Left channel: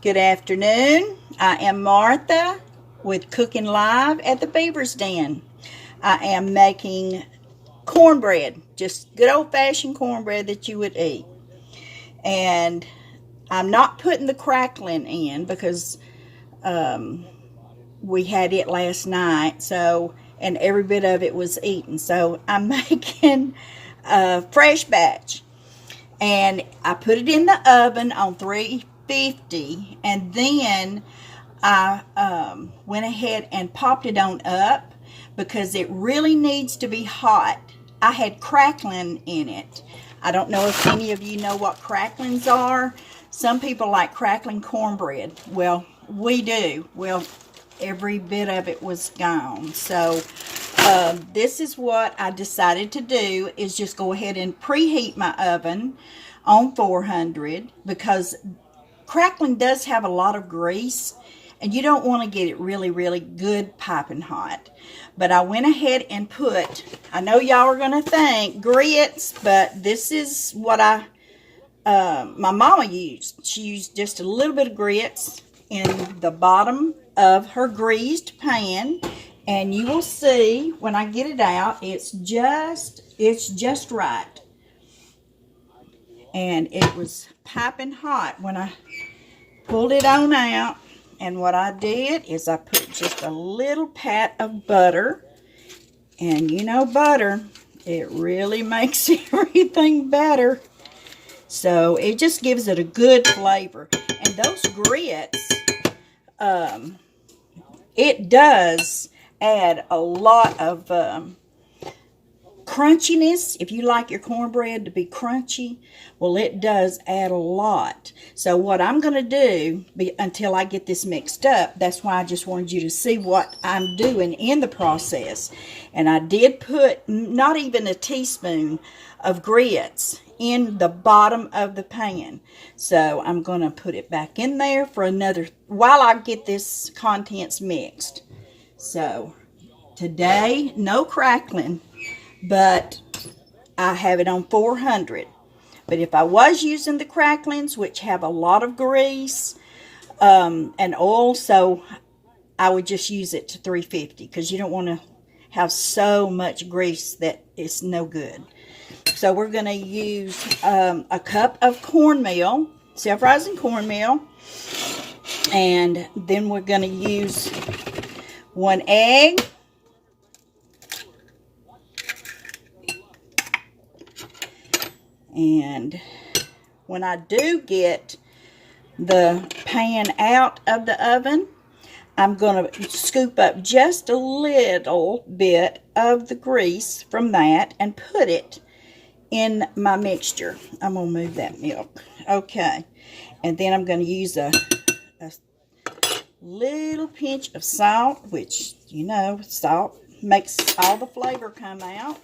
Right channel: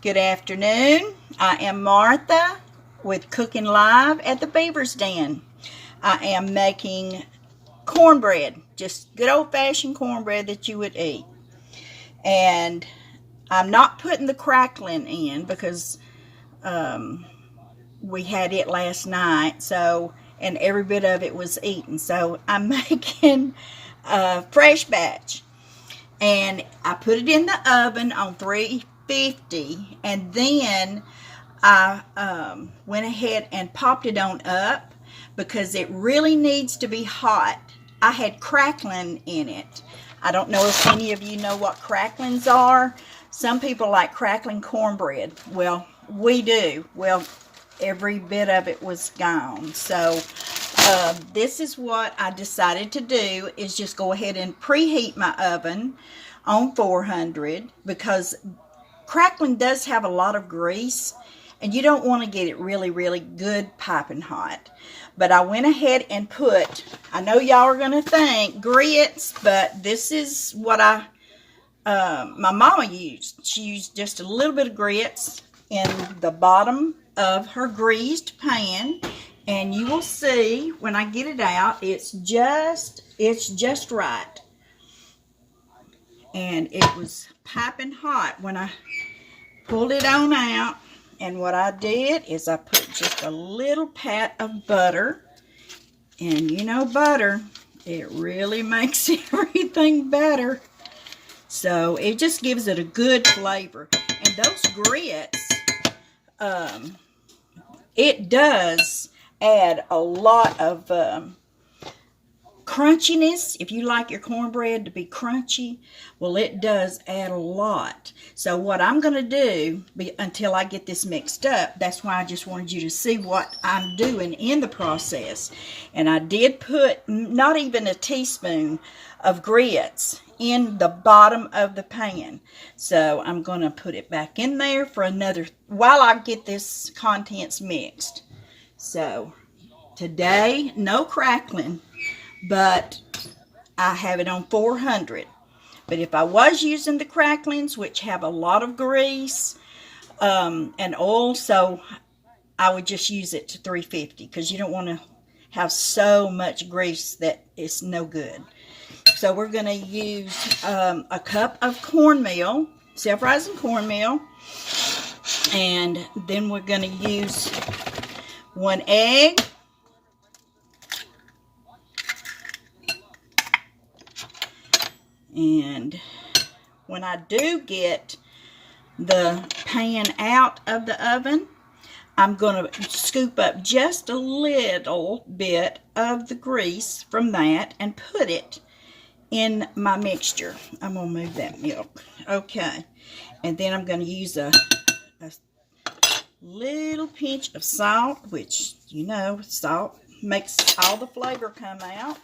Good afternoon. I am Martha with Cooking Live at the Beaver's Den. I am making cornbread, just good old-fashioned cornbread that you would eat. And I'm not putting the crackling in because we had it last night, and every bit of it was eaten. So I'm making a fresh batch. And I put it in the oven on 350, and then I went ahead and popped it on up because it really needs to be hot. I had crackling in it. I don't know if any of you know what cracklings are. Some people like crackling cornbread. Well, we do. Well, every bit of it was gone. So this is what I decided to do, is just go ahead and preheat my oven on 400 because crackling does have a lot of grease and you don't want to get it really, really good piping hot. But I went ahead and put, I know y'all are going to think grits, but this is what my mama used. She used just a little bit of grits in the bottom of her greased pan, and you will see when I get it out, it's just right. And it was piping hot when I pulled it on out. And what I did is I put just a little pat of butter. And you know butter, it really makes everything better. So it just gives it a good flavor. And those grits, it does add a lot of crunchiness. If you like your cornbread to be crunchy, well, it does add a lot. So what I'm going to do until I get this mixed up, that's why I just wanted you to see what I'm doing in the process. And I did put not even a teaspoon of grits in the bottom of the pan. So I'm going to put it back in there for another, while I get this contents mixed. So today, no crackling, but I have it on 400. But if I was using the cracklings, which have a lot of grease and oil, so I would just use it to 350 because you don't want to have so much grease that it's no good. So we're going to use a cup of cornmeal, self-rising cornmeal, and then we're going to use 1 egg. And when I do get the pan out of the oven, I'm going to scoop up just a little bit of the grease from that and put it in my mixture. I'm going to move that milk. Okay. And then I'm going to use a little pinch of salt, which, you know, salt makes all the flavor come out.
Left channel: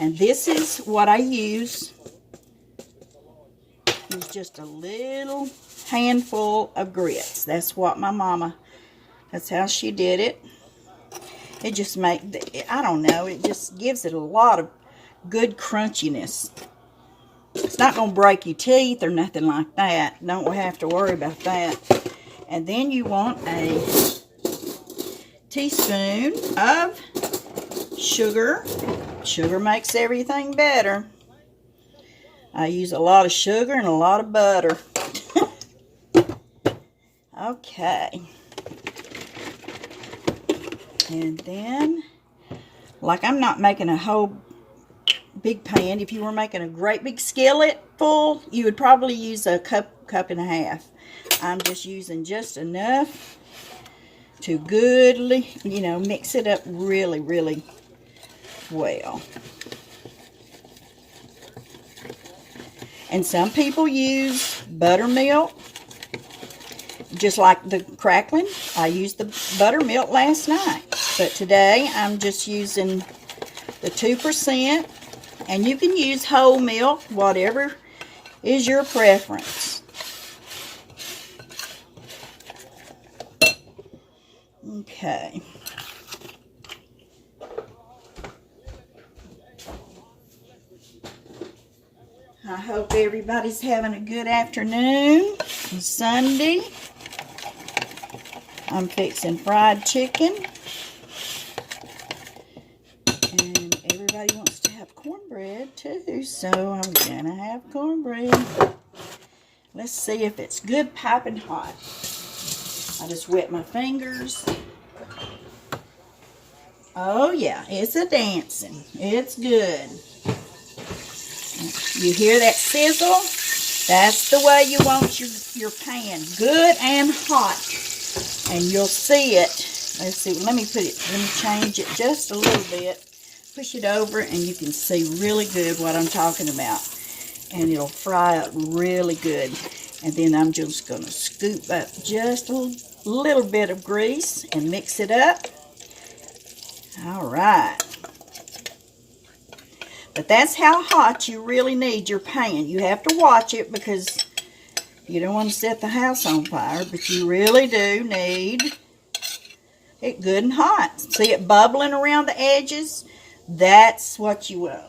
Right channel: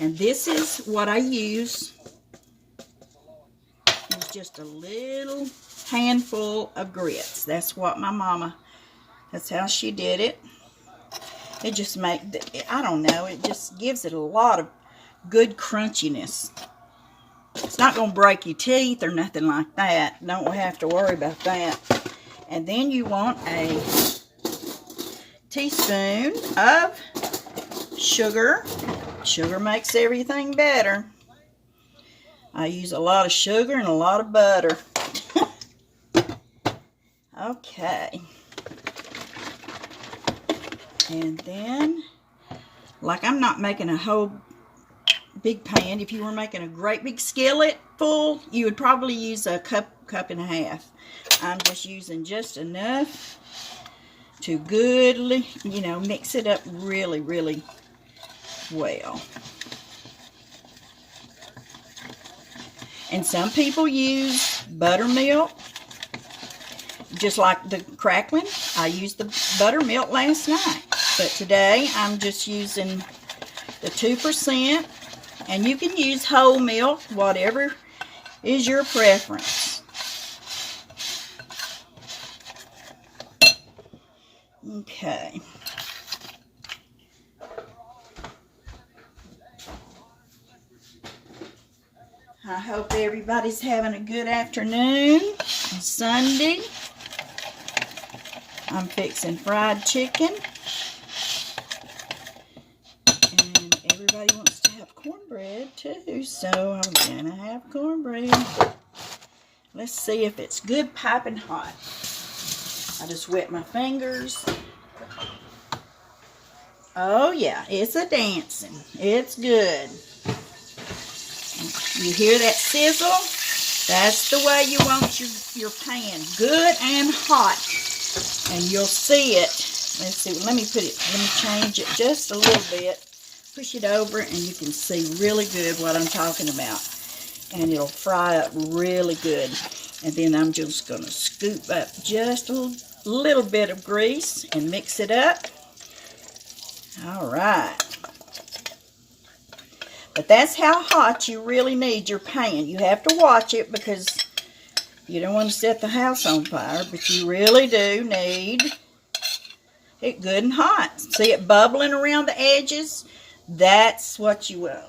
And this is what I use. It's just a little handful of grits. That's what my mama, that's how she did it. It just makes, I don't know, it just gives it a lot of good crunchiness. It's not going to break your teeth or nothing like that. Don't have to worry about that. And then you want a teaspoon of sugar. Sugar makes everything better. I use a lot of sugar and a lot of butter. Okay. And then, like I'm not making a whole big pan. If you were making a great big skillet full, you would probably use a cup and a half. I'm just using just enough to goodly, you know, mix it up really, really well. And some people use buttermilk, just like the crackling. I used the buttermilk last night, but today I'm just using the 2%, and you can use whole milk, whatever is your preference. Okay. I hope everybody's having a good afternoon. Sunday, I'm fixing fried chicken. And everybody wants to have cornbread too, so I'm gonna have cornbread. Let's see if it's good piping hot. I just wet my fingers. Oh yeah, it's a dancing. It's good. You hear that sizzle? That's the way you want your pan, good and hot. And you'll see it. Let's see, let me change it just a little bit. Push it over and you can see really good what I'm talking about. And it'll fry up really good. And then I'm just going to scoop up just a little bit of grease and mix it up. All right. But that's how hot you really need your pan. You have to watch it because you don't want to set the house on fire, but you really do need it good and hot. See it bubbling around the edges? That's what you want.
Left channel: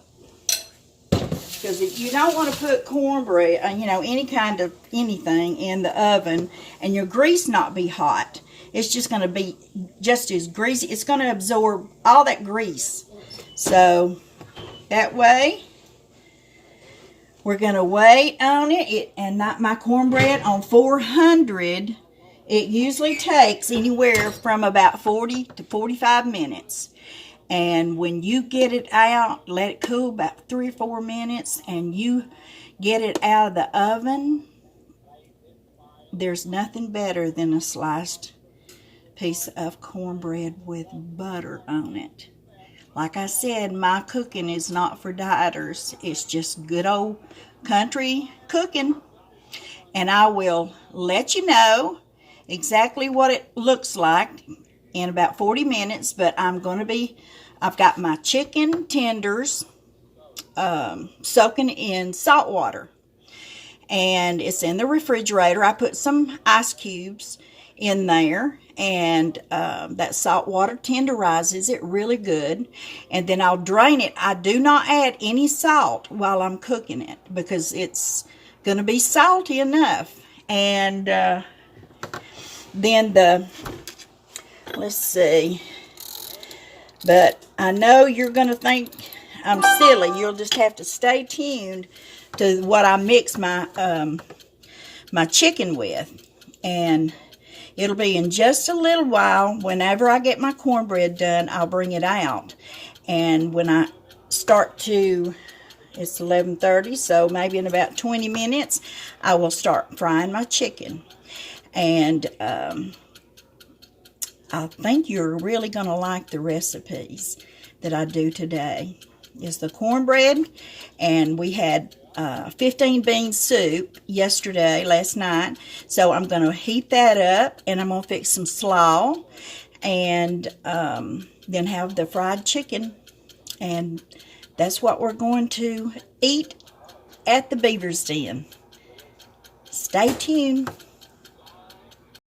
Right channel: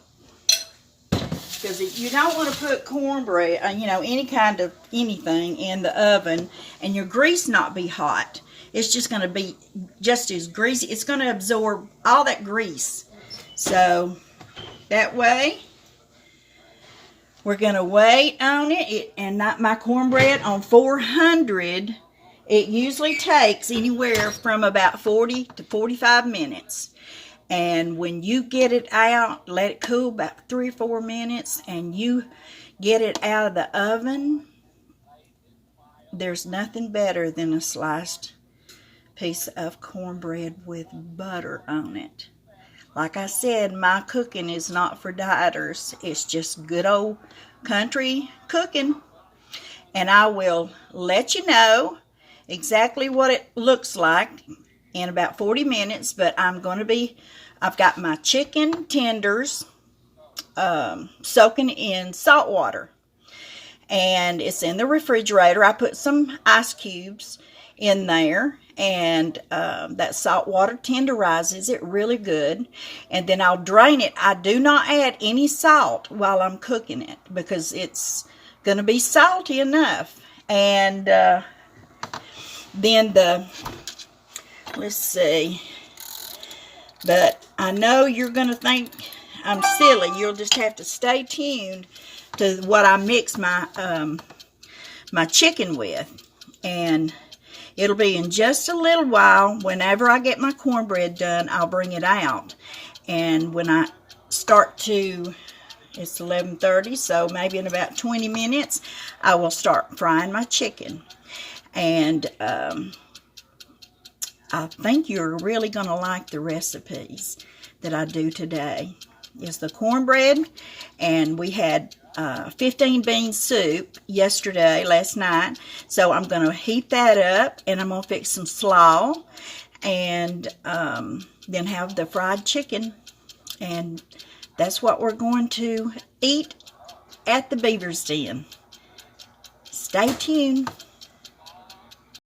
Because you don't want to put cornbread, you know, any kind of anything in the oven and your grease not be hot. It's just going to be just as greasy. It's going to absorb all that grease. So that way, we're going to wait on it. And not my cornbread on 400. It usually takes anywhere from about 40 to 45 minutes. And when you get it out, let it cool about 3 or 4 minutes, and you get it out of the oven, there's nothing better than a sliced piece of cornbread with butter on it. Like I said, my cooking is not for dieters. It's just good old country cooking. And I will let you know exactly what it looks like in about 40 minutes, but I've got my chicken tenders soaking in salt water. And it's in the refrigerator. I put some ice cubes in there, and that salt water tenderizes it really good. And then I'll drain it. I do not add any salt while I'm cooking it because it's going to be salty enough. And then let's see. But I know you're going to think I'm silly. You'll just have to stay tuned to what I mix my my chicken with. And it'll be in just a little while. Whenever I get my cornbread done, I'll bring it out. And when I start to, it's 11:30, so maybe in about 20 minutes, I will start frying my chicken. And I think you're really going to like the recipes that I do today. Is the cornbread, and we had 15 bean soup last night. So I'm going to heat that up, and I'm going to fix some slaw, and then have the fried chicken. And that's what we're going to eat at the Beaver's Den. Stay tuned.